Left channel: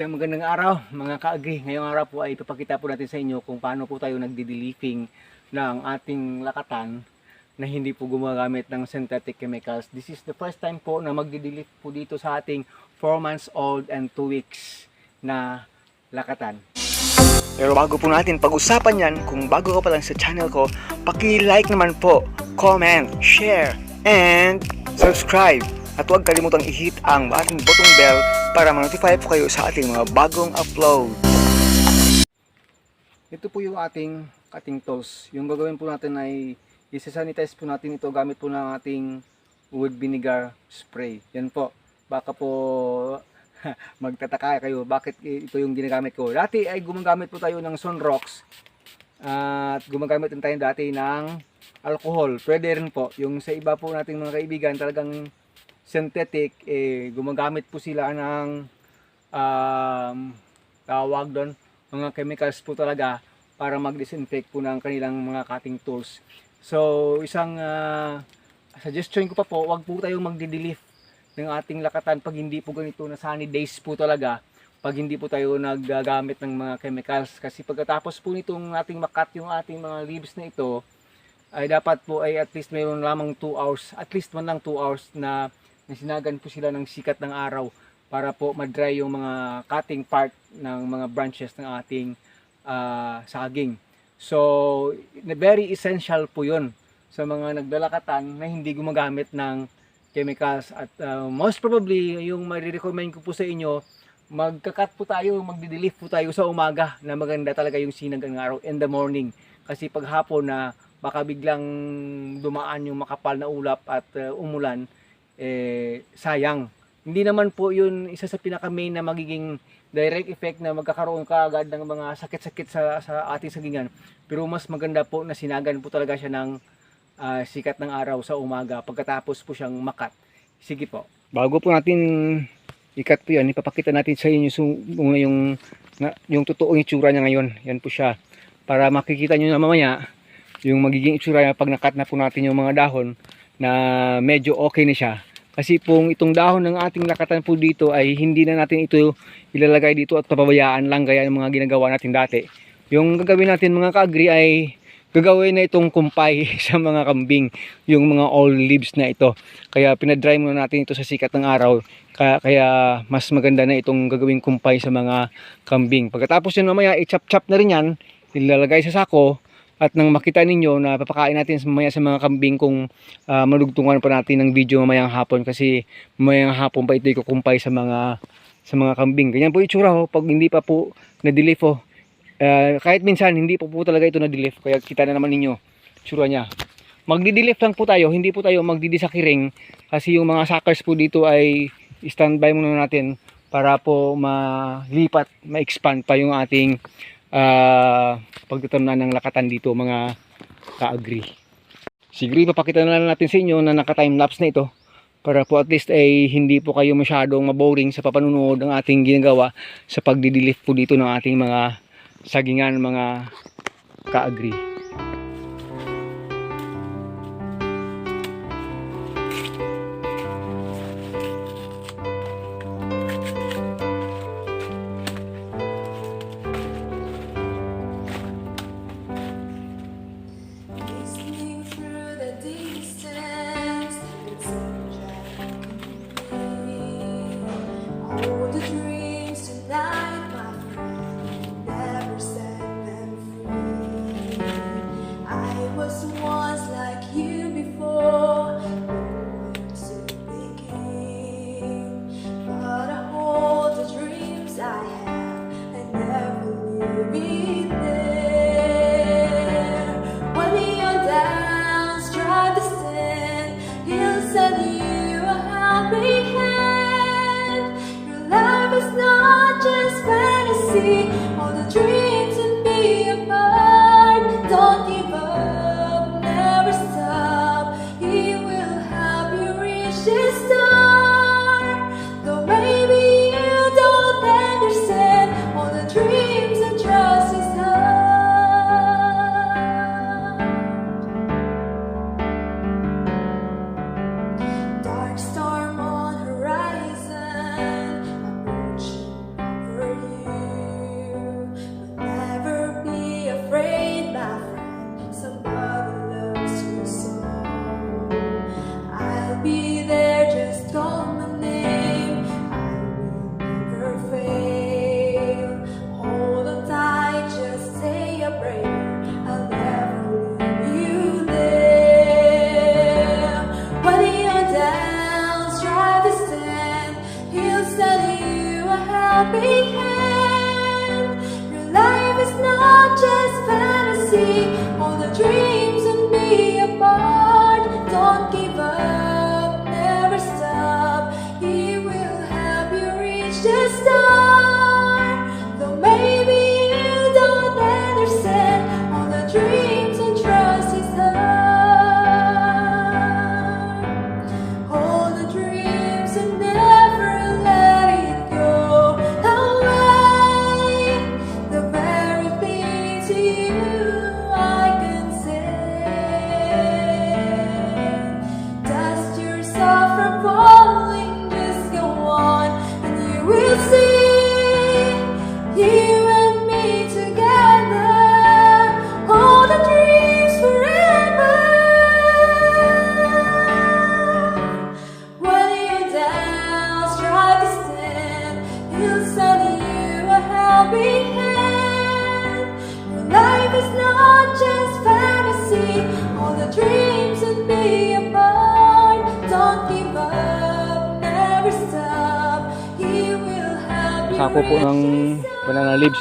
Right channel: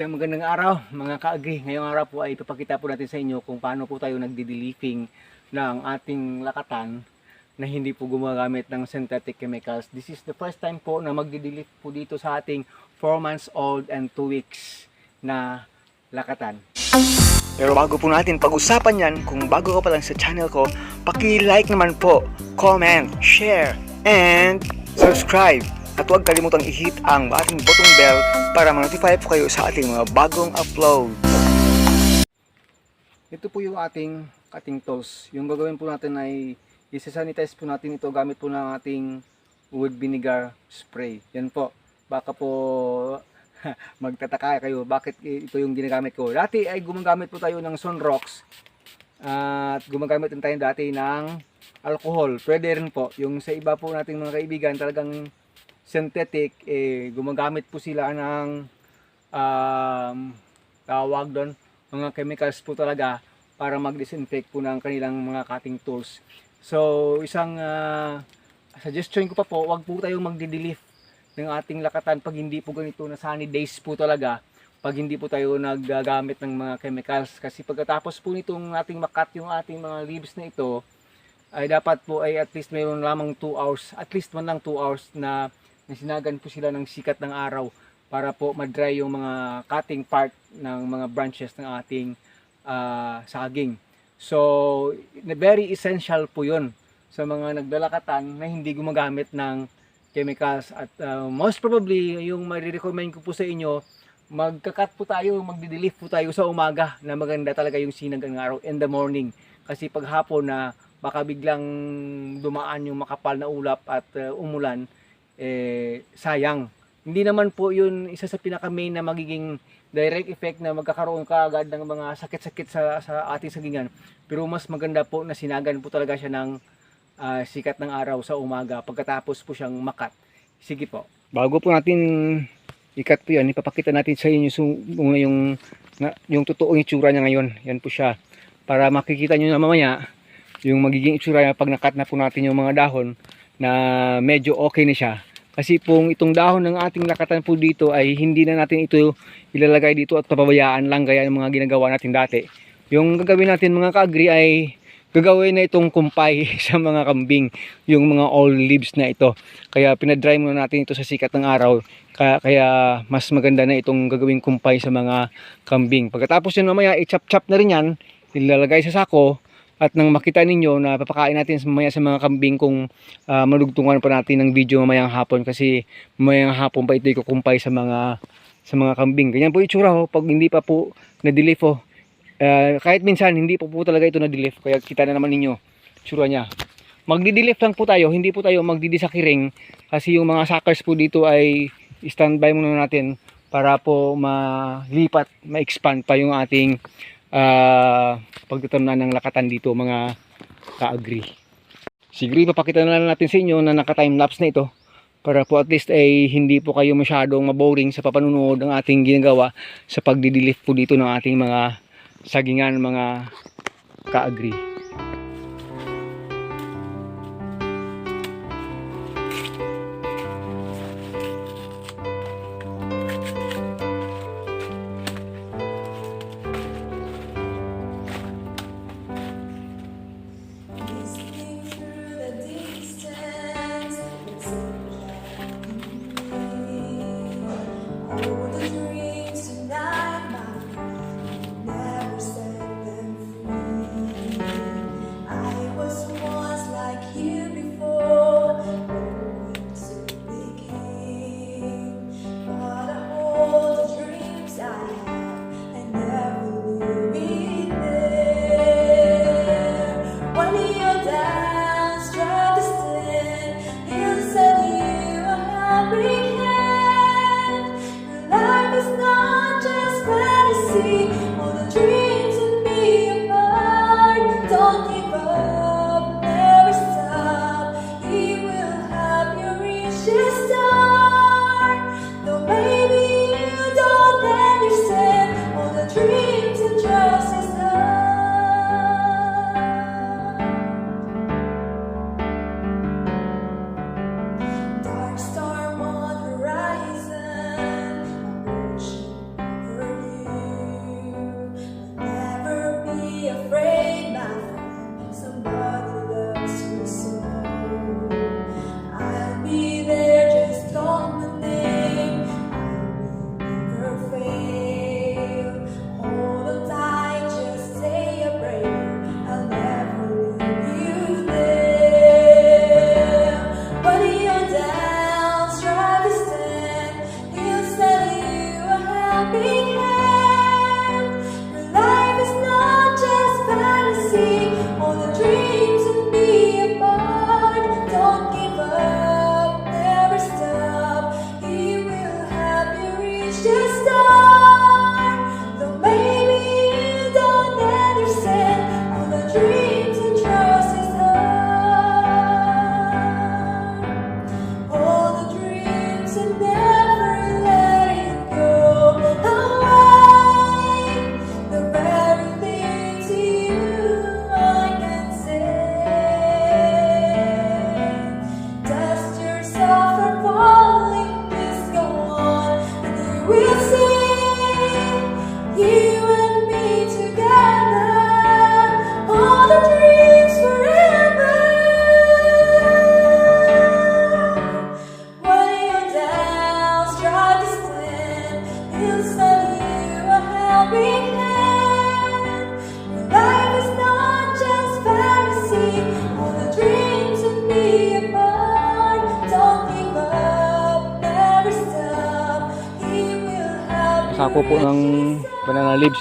Isang magandang araw mga ka-agri. Ngayong araw po ay ipapakita po natin sa inyo kung paano po tayo nagdi-leafing ng ating lakatan na hindi po gumagamit ng synthetic chemicals. This is the first time po na magdi-leaf po dito sa ating 4 months old and 2 weeks na lakatan. Pero bago po natin pag-usapan yan, kung bago ka pa lang sa channel ko, paki-like naman po, comment, share, and subscribe. At huwag kalimutang i-hit ang ating button bell para ma-notify po kayo sa ating mga bagong upload. Ito po yung ating cutting tools. Yung gagawin po natin ay isa-sanitize po natin ito gamit po ng ating wood vinegar spray. Yan po. Baka po magtataka kayo bakit ito yung ginagamit ko. Dati ay gumagamit po tayo ng Sunrox at gumagamit din tayo dati ng alcohol. Pwede rin po. Yung sa iba po nating mga kaibigan talagang synthetic, gumagamit po sila ng tawag doon, mga chemicals po talaga para mag-disinfect po ng kanilang mga cutting tools. So, isang suggestion ko pa po, wag po tayong magdi-leaf ng ating lakatan pag hindi po ganito na sunny days po talaga, pag hindi po tayo naggagamit ng mga chemicals. Kasi pagkatapos po nitong ating makat yung ating mga leaves na ito, ay dapat po ay at least mayroon lamang 2 hours, at least man lang 2 hours na sinagan po sila ng sikat ng araw para po ma-dry yung mga cutting part ng mga branches ng ating saging. So, very essential po yun sa mga naglalakatan na hindi gumagamit ng chemicals. At most probably, yung marirecommend ko po sa inyo, magkakat po tayo, magdi-leaf po tayo sa umaga na maganda talaga yung sinag ng araw in the morning. Kasi pag hapon na baka biglang dumaan yung makapal na ulap at umulan, sayang. Hindi naman po yun isa sa pinaka-main na magiging direct effect na magkakaroon ka agad ng mga sakit-sakit sa ating sagingan. Pero mas maganda po na sinagan po talaga siya ng sikat ng araw sa umaga pagkatapos po siyang makat. Sige po. Bago po natin ikat po yan, ipapakita natin sa inyo yung totoong itsura niya ngayon. Yan po siya. Para makikita nyo na mamaya yung magiging itsura niya pag nakat na po natin yung mga dahon na medyo okay na siya. Kasi pong itong dahon ng ating lakatan po dito ay hindi na natin ito ilalagay dito at pababayaan lang gaya ng mga ginagawa natin dati. Yung gagawin natin mga ka-agri ay gagawin na itong kumpay sa mga kambing, yung mga old leaves na ito. Kaya pinadry muna natin ito sa sikat ng araw. Kaya mas maganda na itong gagawing kumpay sa mga kambing. Pagkatapos yun mamaya i-chop-chop na rin yan, ilalagay sa sako. At nang makita ninyo na papakain natin mamaya sa mga kambing kung malugtungan pa natin ng video mamayang hapon, kasi mamayang hapon pa ito ikukumpay sa mga kambing. Ganyan po itsura ho pag hindi pa po na-delif ho. Kahit minsan hindi po talaga ito na-delif, kaya kita na naman ninyo itsura niya. Magdi-delif lang po tayo, hindi po tayo magdidisakiring kasi yung mga suckers po dito ay standby muna natin para po malipat, ma-expand pa yung ating pagtatamnan ng lakatan dito mga ka-agri. Siguro ipapakita na lang natin sa inyo na naka-timelapse na ito para po at least ay hindi po kayo masyadong maboring sa papanunood ng ating ginagawa sa pagdidilif po dito ng ating mga sagingan mga ka-agri. All the dreams and be apart. Don't give up, never stop. He will help you reach the star. Though maybe you don't understand all the dreams and trust His heart. Dark storm on horizon, approaching over helping hand. Your life is not just fantasy. All the dreams and be apart. Don't give up, never stop. He will help you reach the star. Though maybe you don't understand all the dreams and trust His love. Hold the dreams and never let it go away. The very thing to you I can say. Dust yourself from falling, just go on, and you will see. You and me together, all the dreams forever. When you're down, try to stand. He'll send you a helping hand. Your life is not just fantasy. All the dreams and be apart. Don't give up, never stop. He will help you. Sako po ng banana leaves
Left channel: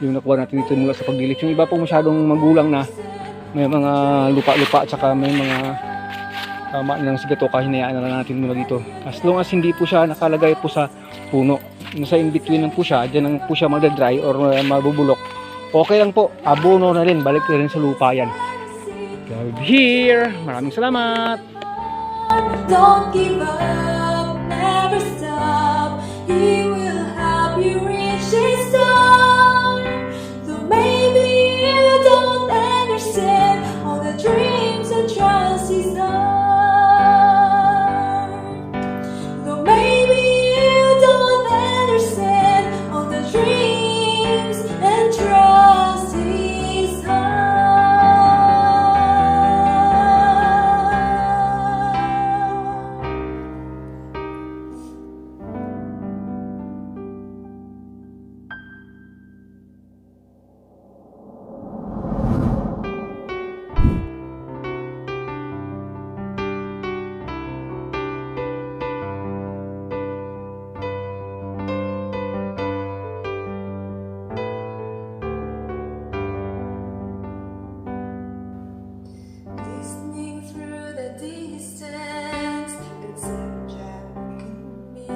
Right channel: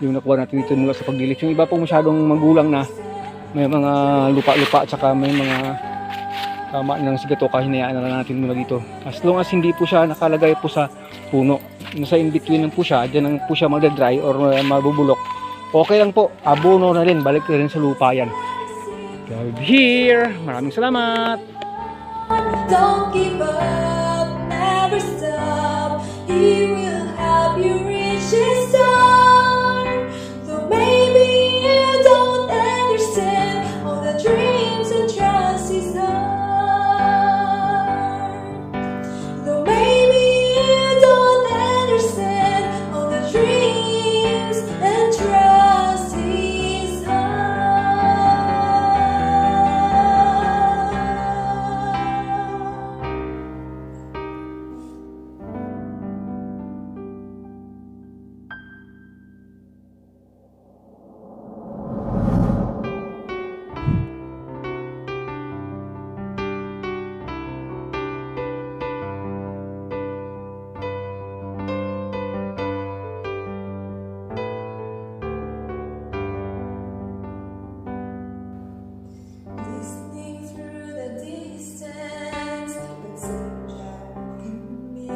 yung nakuha natin dito mula sa pagdilis. Yung iba po masyadong magulang na, may mga lupa-lupa at saka may mga tama ng sigatoka, hinayaan na lang natin mula dito. As long as hindi po siya nakalagay po sa puno, nasa in between lang po siya, dyan lang po siya magdadry or mabubulok, okay lang po, abono na rin, balik na rin sa lupa yan. God here, maraming salamat. Don't give up, never stop. He will help you reach His star. Though maybe you don't understand all the dreams and trials He's done. Though maybe you don't understand all the dreams and trials He's done. Listening through the distance, it's such a me.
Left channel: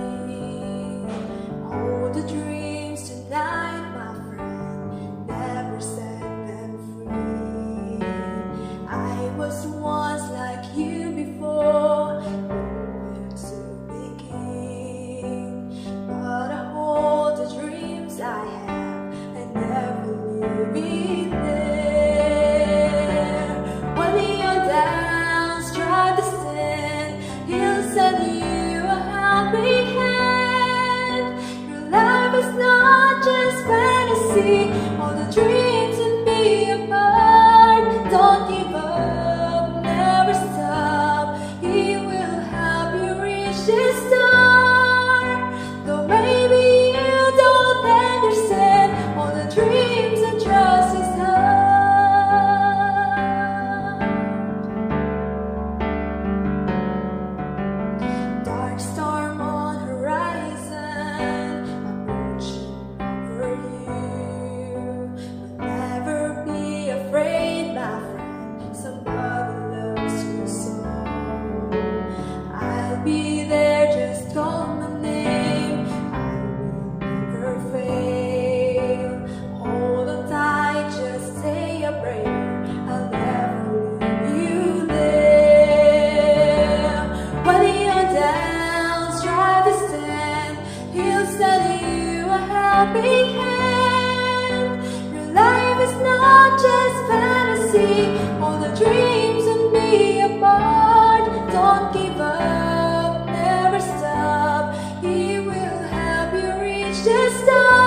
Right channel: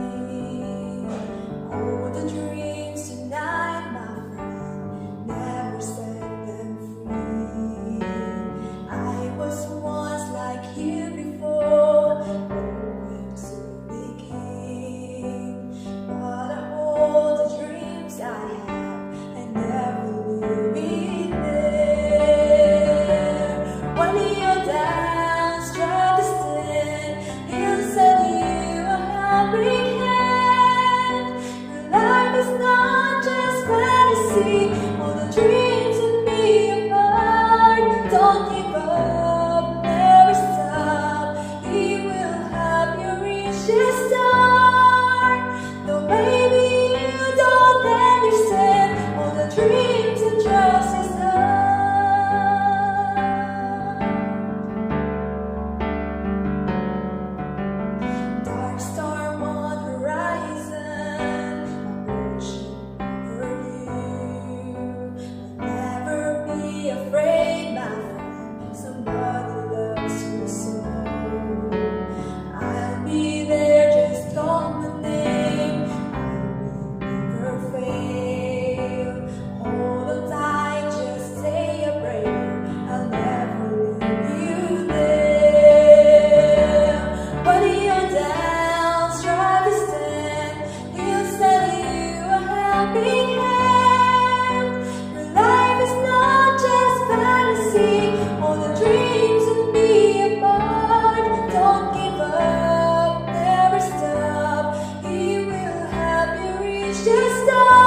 Hold the dreams tonight, my friend. Never set them free. I was once like you before, where to begin? But I hold the dreams I have and never leave there. When you're down, try to stand. He'll send you a helping hand. Your life is not just fantasy. All the dreams and be apart. Don't give up, never stop. He will help you reach His star. Though maybe you don't understand all the dreams and trust His love. Dark storm on horizon, approaching over you. But never be afraid, my friend. Somebody loves you so. I'll be there, just call my name. I will never fail. Hold on tight, just say a prayer. I'll never leave you there. When you're down, try to stand. He'll send you a helping hand. Your life is not just fantasy. All the dreams and be apart. Don't give up, never stop. He will help you reach the star.